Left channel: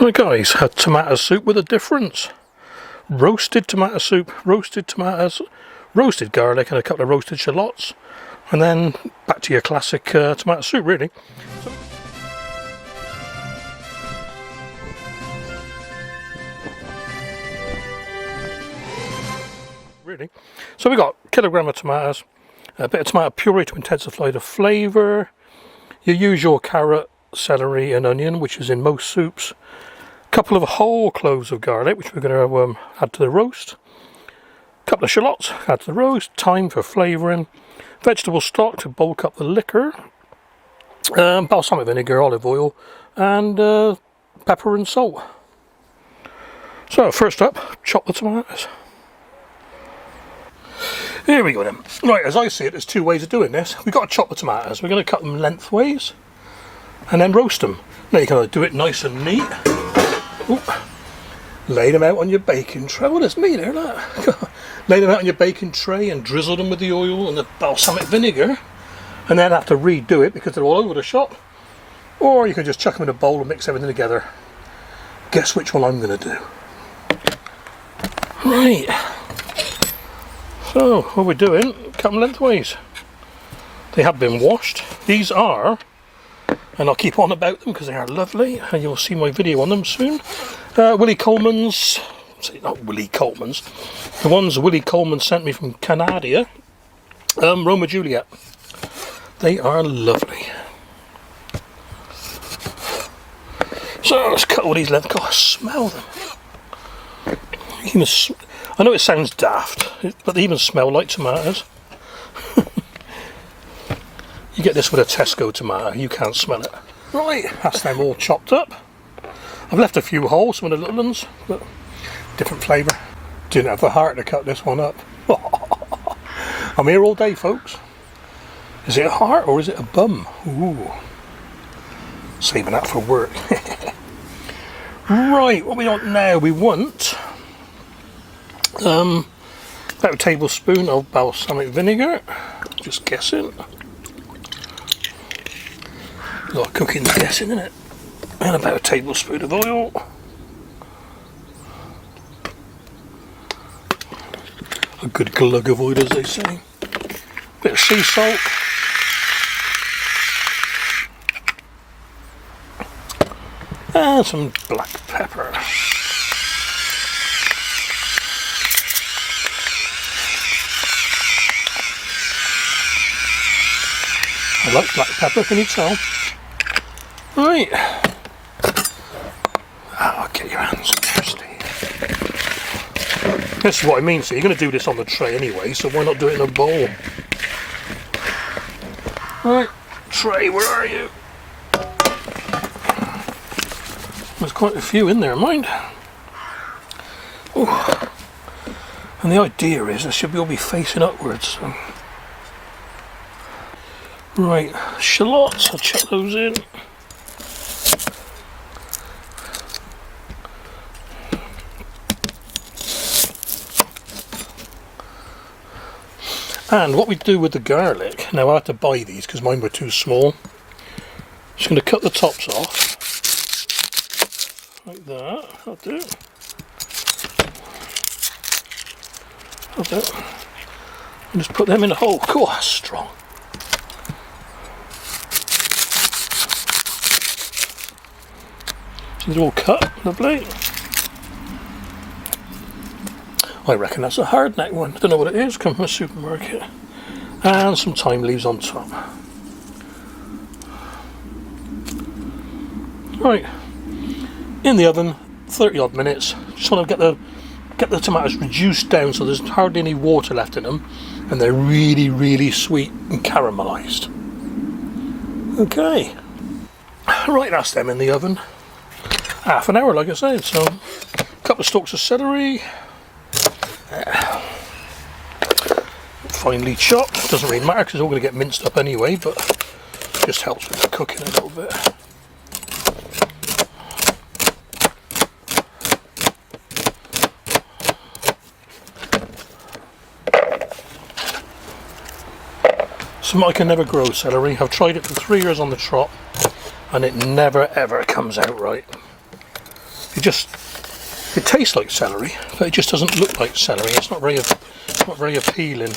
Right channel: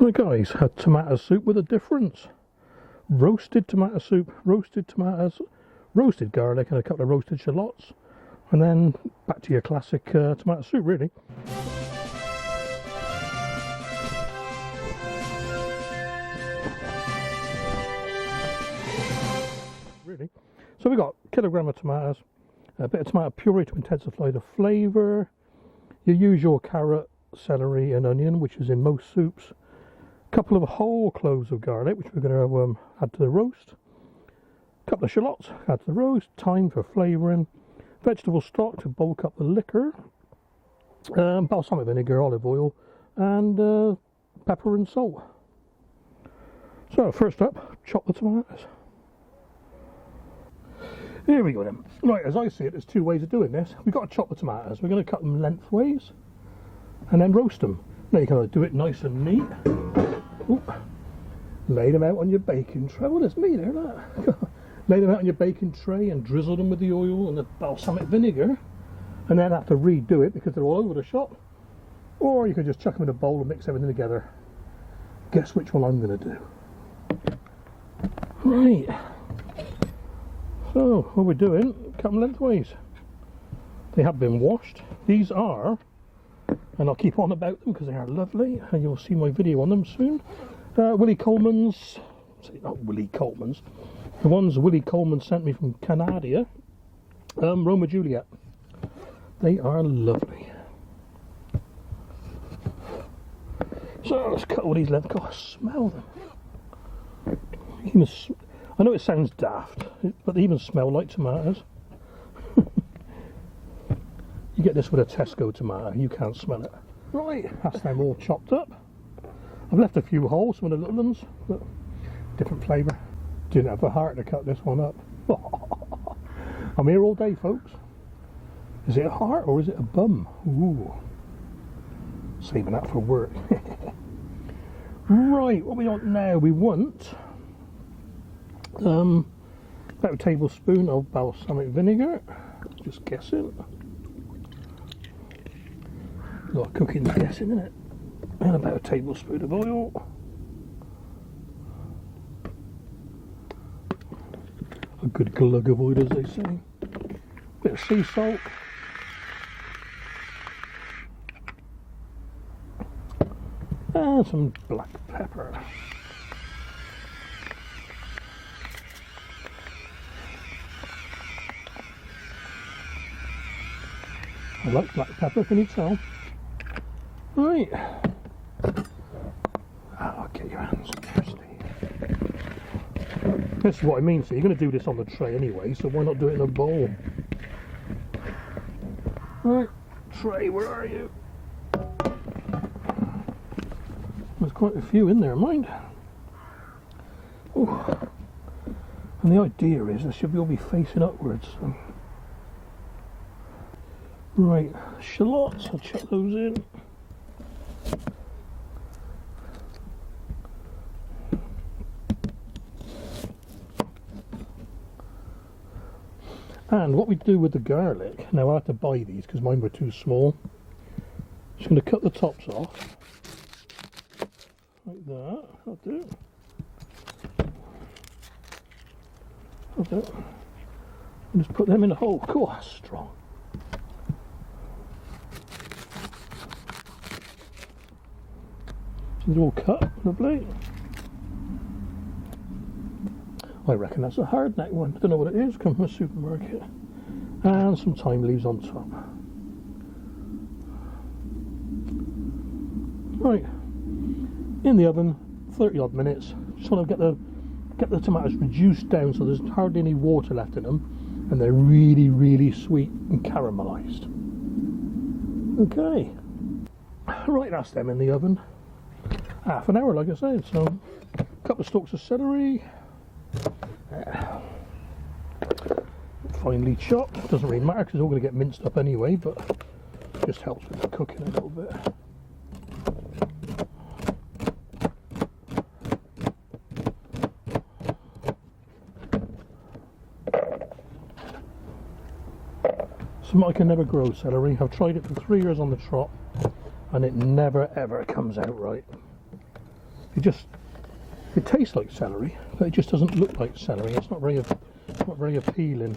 Right guys, a tomato soup with a difference. Roasted tomato soup, roasted tomatoes, roasted garlic and a couple of roasted shallots. And then back to your classic tomato soup really. So we got a kilogram of tomatoes, a bit of tomato puree to intensify the flavour, your usual carrot, celery and onion, which is in most soups, a couple of whole cloves of garlic, which we're going to add to the roast, a couple of shallots, add to the roast, thyme for flavouring, vegetable stock to bulk up the liquor, balsamic vinegar, olive oil and pepper and salt. So first up, chop the tomatoes. Here we go then. Right, as I see it, there's two ways of doing this. We've got to chop the tomatoes. We're going to cut them lengthways and then roast them. Now you can do it nice and neat. Ooh. Lay them out on your baking tray. Oh, there's me there, look. Lay them out on your baking tray and drizzle them with the oil and the balsamic vinegar. And then have to redo it because they're all over the shop. Or you can just chuck them in a bowl and mix everything together. Guess which one I'm going to do. Right. So, what we're doing, cut them lengthways. They have been washed. These are, and I'll keep on about them because they are lovely, and you'll see my video on them soon. Willie Coleman's, not Willie Coleman's, the ones Willie Coleman sent me from Canada, Roma Juliet. They are lovely. So, let's cut all these lengths. God, smell them. I know it sounds daft, but they even smell like tomatoes. You get this with a Tesco tomato, you can't smell it. Right, that's them all chopped up. I've left a few whole, some of the little ones, but different flavour. Didn't have the heart to cut this one up. I'm here all day, folks. Is it a heart or is it a bum? Ooh, saving that for work. Right, what we want now? We want about a tablespoon of balsamic vinegar, just guessing. A lot of cooking guessing, isn't it? And about a tablespoon of oil. A good glug of oil, as they say. Bit of sea salt. And some black pepper. I like black pepper, can you tell? Right. Oh, get your hands thirsty. This is what I mean, so you're going to do this on the tray anyway, so why not do it in a bowl? Right, tray, where are you? There's quite a few in there, mind. Ooh. And the idea is they should all be facing upwards. So. Right, shallots, I'll chuck those in. And what we do with the garlic, now I had to buy these because mine were too small. Just going to cut the tops off. Like that, that'll do. That'll do. And just put them in a hole. Cool, that's strong. So they're all cut, lovely. I reckon that's a hard neck one. Don't know what it is, come from a supermarket. And some thyme leaves on top. Right, in the oven, 30 odd minutes. Just want to get the tomatoes reduced down so there's hardly any water left in them, and they're really, really sweet and caramelised. Okay, right, that's them in the oven. Half an hour, like I said. So, a couple of stalks of celery. Finely chopped. Doesn't really matter because it's all going to get minced up anyway, but just helps with the cooking a little bit. So I can never grow celery. I've tried it for 3 years on the trot and it never ever comes out right. It tastes like celery, but it just doesn't look like celery. It's not very appealing.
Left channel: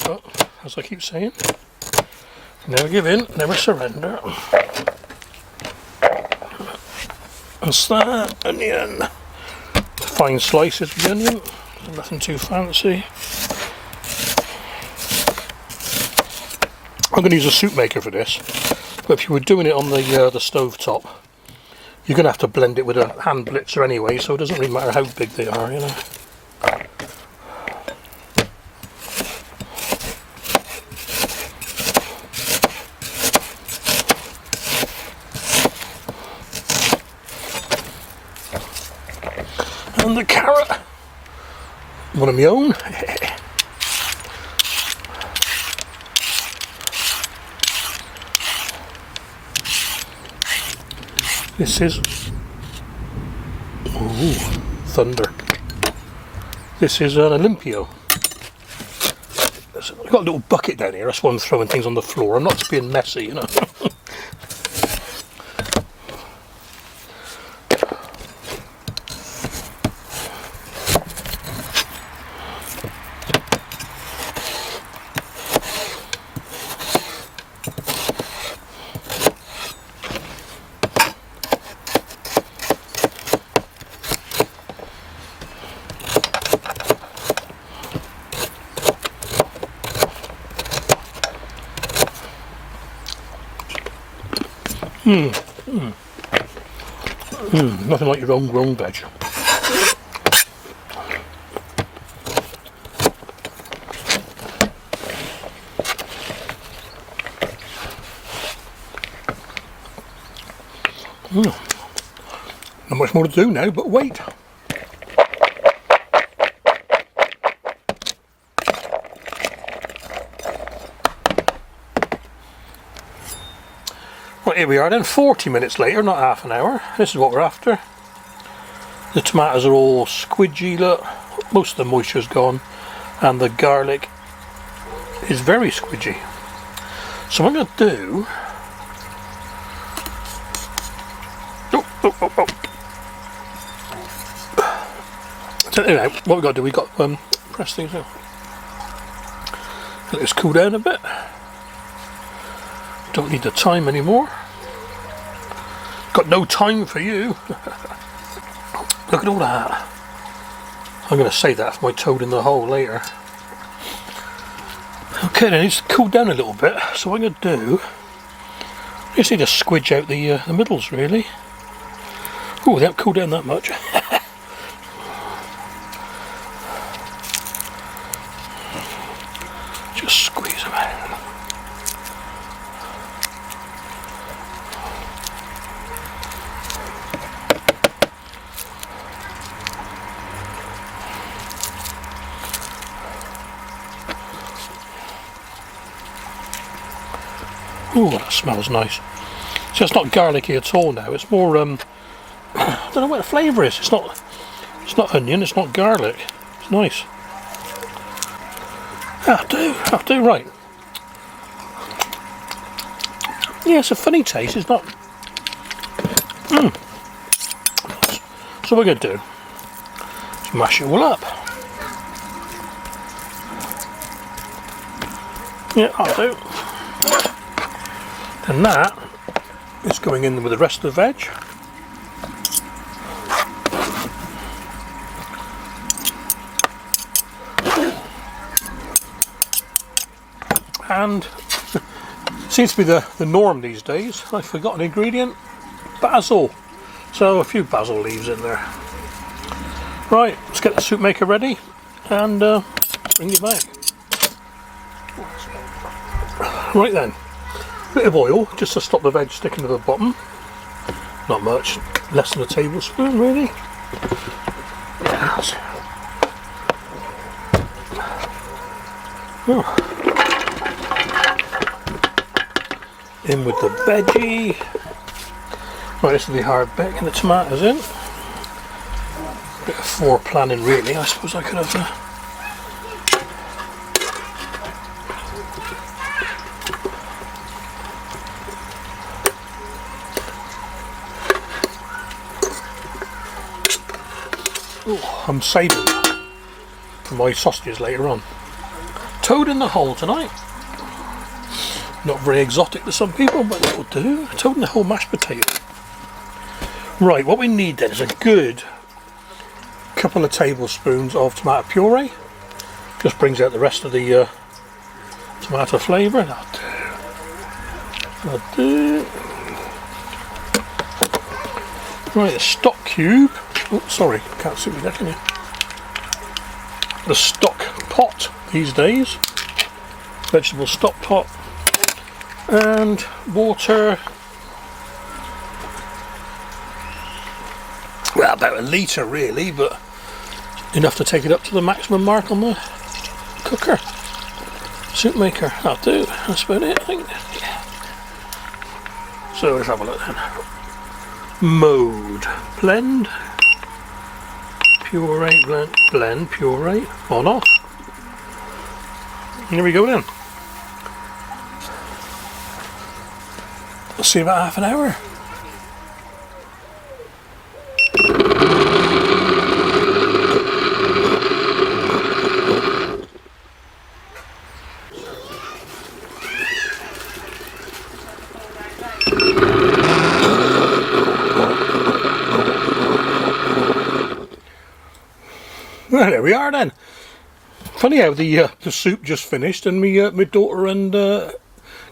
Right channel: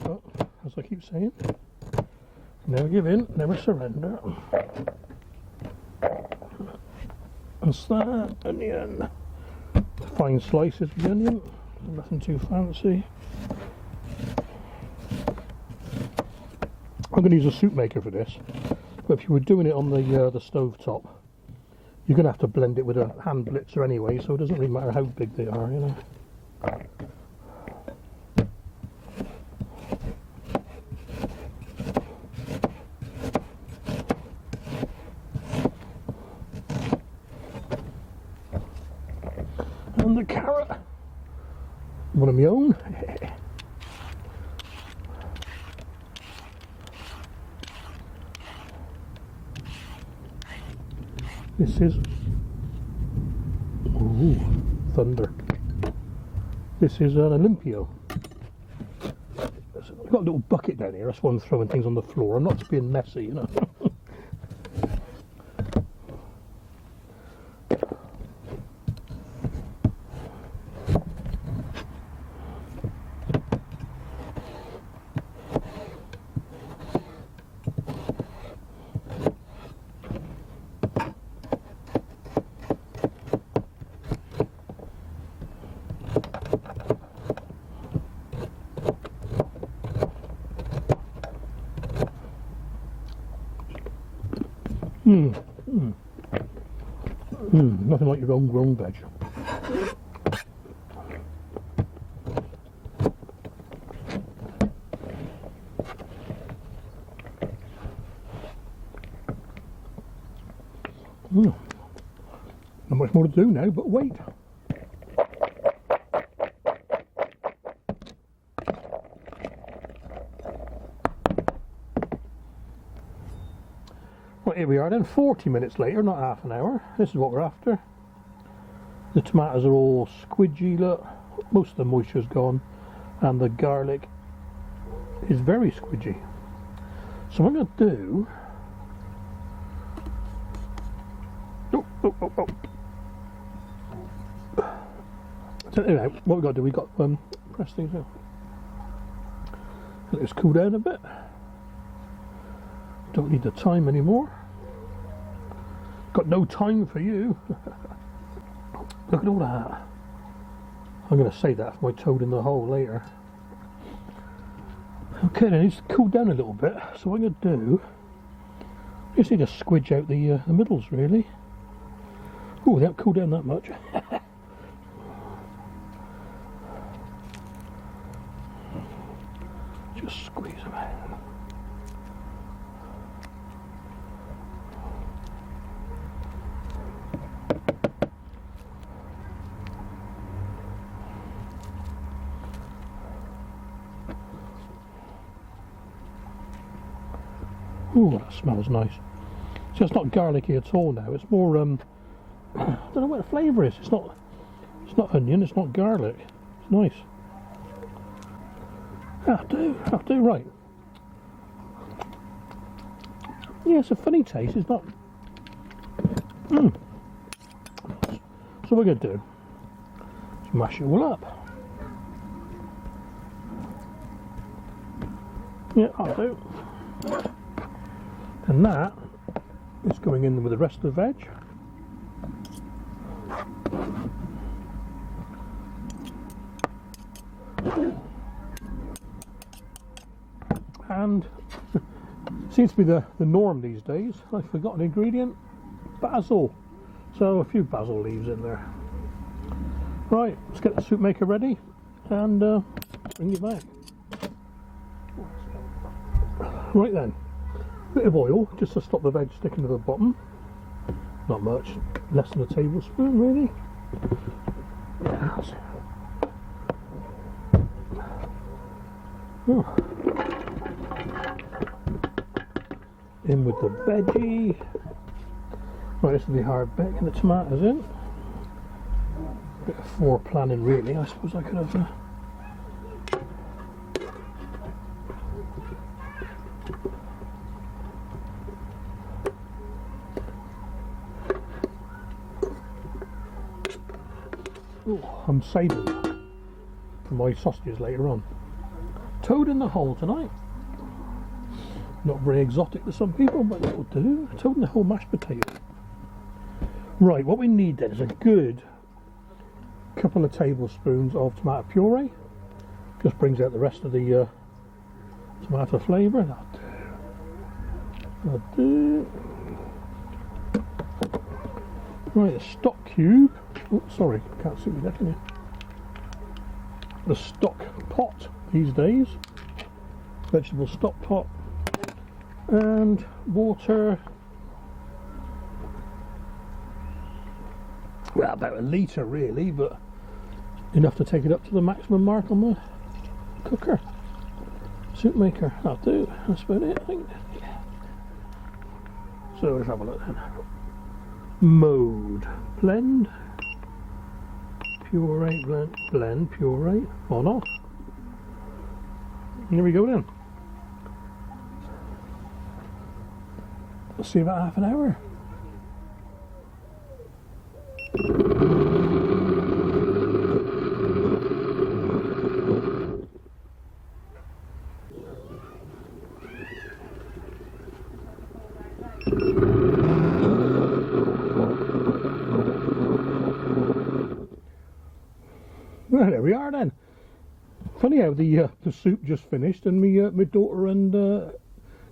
But as I keep saying, never give in, never surrender. That's that onion. Fine slices of the onion, nothing too fancy. I'm going to use a soup maker for this, but if you were doing it on the stove top, you're going to have to blend it with a hand blitzer anyway, so it doesn't really matter how big they are, you know. And the carrot, one of my own. This is, ooh, thunder. This is an Olympio. I've got a little bucket down here, that's why I'm throwing things on the floor. I'm not just being messy, you know. Nothing like your own grown veg. Not much more to do now, but wait. Right, here we are then, 40 minutes later, not half an hour. This is what we're after. The tomatoes are all squidgy, look. Most of the moisture's gone. And the garlic is very squidgy. So what I'm going to do... So anyway, what we've got to do, we've got to press things out. Let this cool down a bit. Don't need the time anymore. Got no time for you. Look at all that. I'm going to save that for my toad in the hole later. Okay, then it's cooled down a little bit. So what I'm going to do, I just need to squidge out the middles really. Oh, they haven't cooled down that much. Just squeeze them out. Ooh, that smells nice. So it's not garlicky at all now. It's more I don't know what the flavour is. It's not onion, it's not garlic. It's nice. That'll do, right. Yeah, it's a funny taste, it's not... So what we're going to do is mash it all up. Yeah, that'll do. And that is going in with the rest of the veg. And seems to be the norm these days. I forgot an ingredient, basil. So a few basil leaves in there. Right, let's get the soup maker ready and bring you back. Right then, bit of oil just to stop the veg sticking to the bottom. Not much, less than a tablespoon really. Yes. Oh. In with the veggie. Right, this is the hard bit. Get the tomatoes in. Bit of foreplanning really. I suppose I could have Oh, I'm saving that for my sausages later on. Toad in the hole tonight. Not very exotic to some people, but that'll do. Toad in the hole mashed potato. Right, what we need then is a good couple of tablespoons of tomato puree. Just brings out the rest of the tomato flavour. That'll do. Right, a stock cube. Oh, sorry, can't see me there, can you? The stock pot these days. Vegetable stock pot. And water. Well, about a litre really, but enough to take it up to the maximum mark on the cooker. Soup maker, that'll do. That's about it, I think. Yeah. So let's have a look then. Mode. Blend. Puree, blend, puree. On, off. Here we go then. Let's see about half an hour. Well, there we are then. Funny how the soup just finished and my daughter and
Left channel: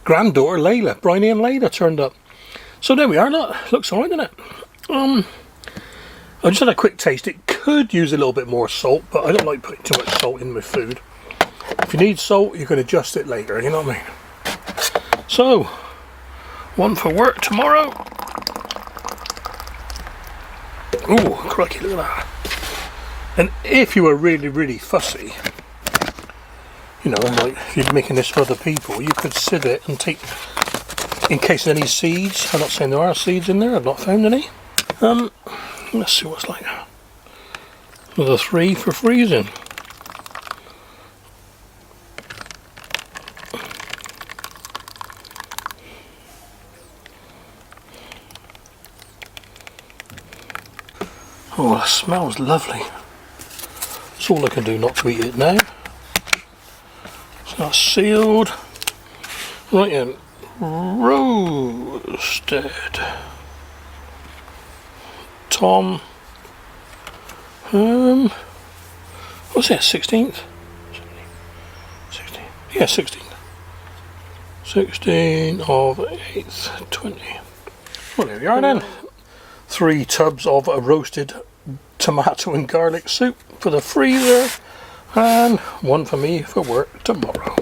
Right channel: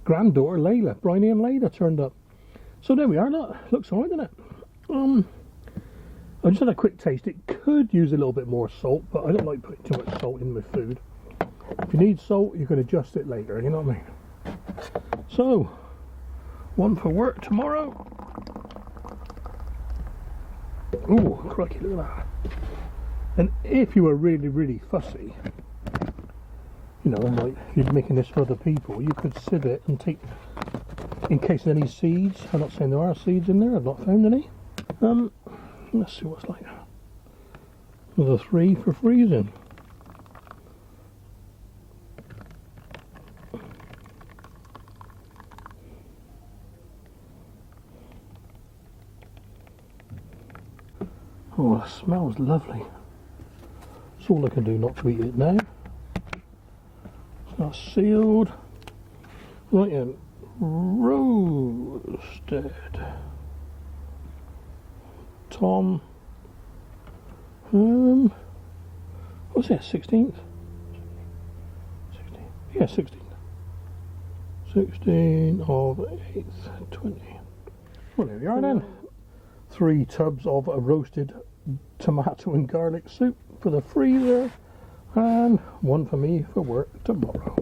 granddaughter Layla, Bryony and Layla turned up. So there we are. Look, looks alright, doesn't it? I just had a quick taste. It could use a little bit more salt, but I don't like putting too much salt in my food. If you need salt, you can adjust it later. You know what I mean? So, one for work tomorrow. Ooh, crikey! Look at that. And if you were really, really fussy, you know, like if you're making this for other people, you could sieve it and take, in case of any seeds. I'm not saying there are seeds in there, I've not found any. Let's see what's like. Another 3 for freezing. Oh, it smells lovely. That's all I can do not to eat it now. So that's sealed. Right in. Roasted. Tom. What's that? 16th? 16th. Yeah, 16th. 16 of 8th, 20. Well, there we are then. 3 tubs of a roasted tomato and garlic soup for the freezer, and 1 for me for work tomorrow.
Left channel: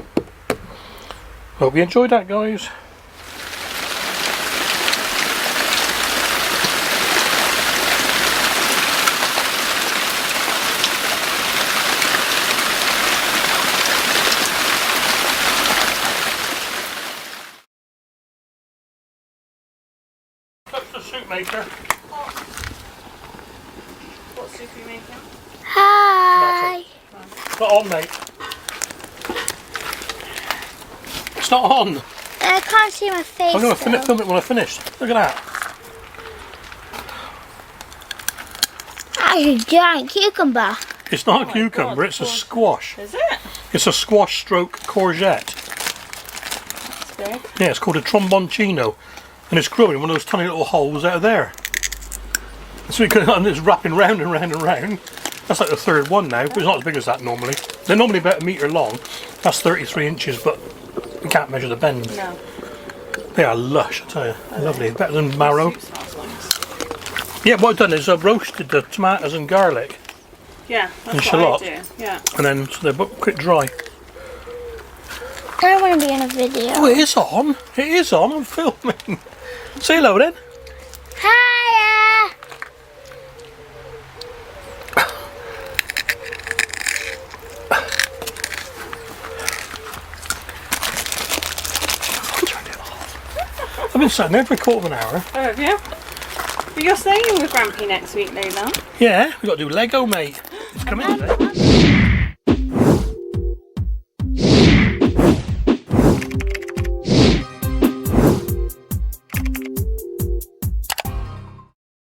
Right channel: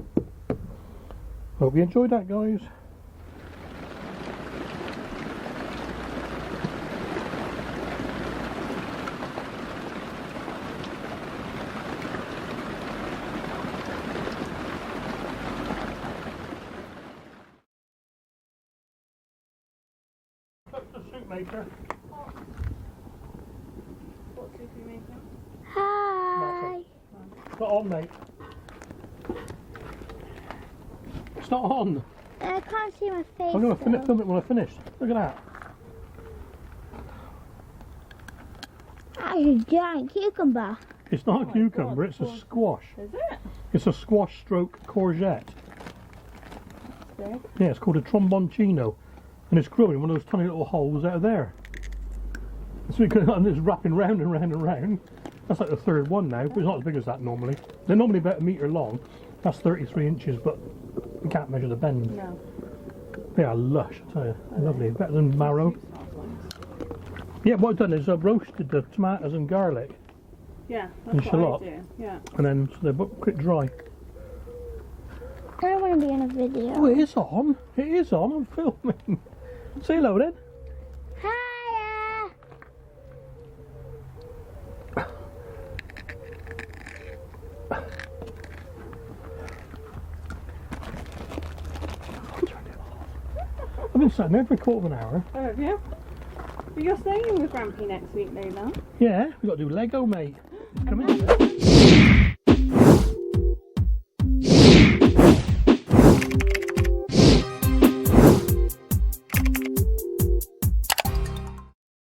Hope you enjoyed that, guys. That's the soup maker. What soup are you making? Hi. It's not on, mate. It's not on. I can't see my face. I'm going to film it when I finish. Look at that. That's a giant cucumber. It's not a cucumber, God, it's a squash. Is it? It's a squash stroke courgette. That's big. Yeah, it's called a tromboncino. And it's growing in one of those tiny little holes out of there. So it's wrapping round and round and round. That's like the 3rd one now, but it's not as big as that normally. They're normally about 1 metre long. That's 33 inches, but you can't measure the bend. No. They are lush, I tell you. Lovely, better than marrow. Soup smells nice. Yeah, what I've done is I've roasted the tomatoes and garlic, Yeah, And that's what shallot. I do. Yeah. and then so they're quick dry. I don't want to be in a video. Oh, it is on. It is on. I'm filming. Say hello then. Hiya. Turn it off. I've been sitting there for a quarter of an hour. Oh, have you? But you're staying with Grampy next week, Layla. Yeah, we've got to do Lego, mate. It's coming today.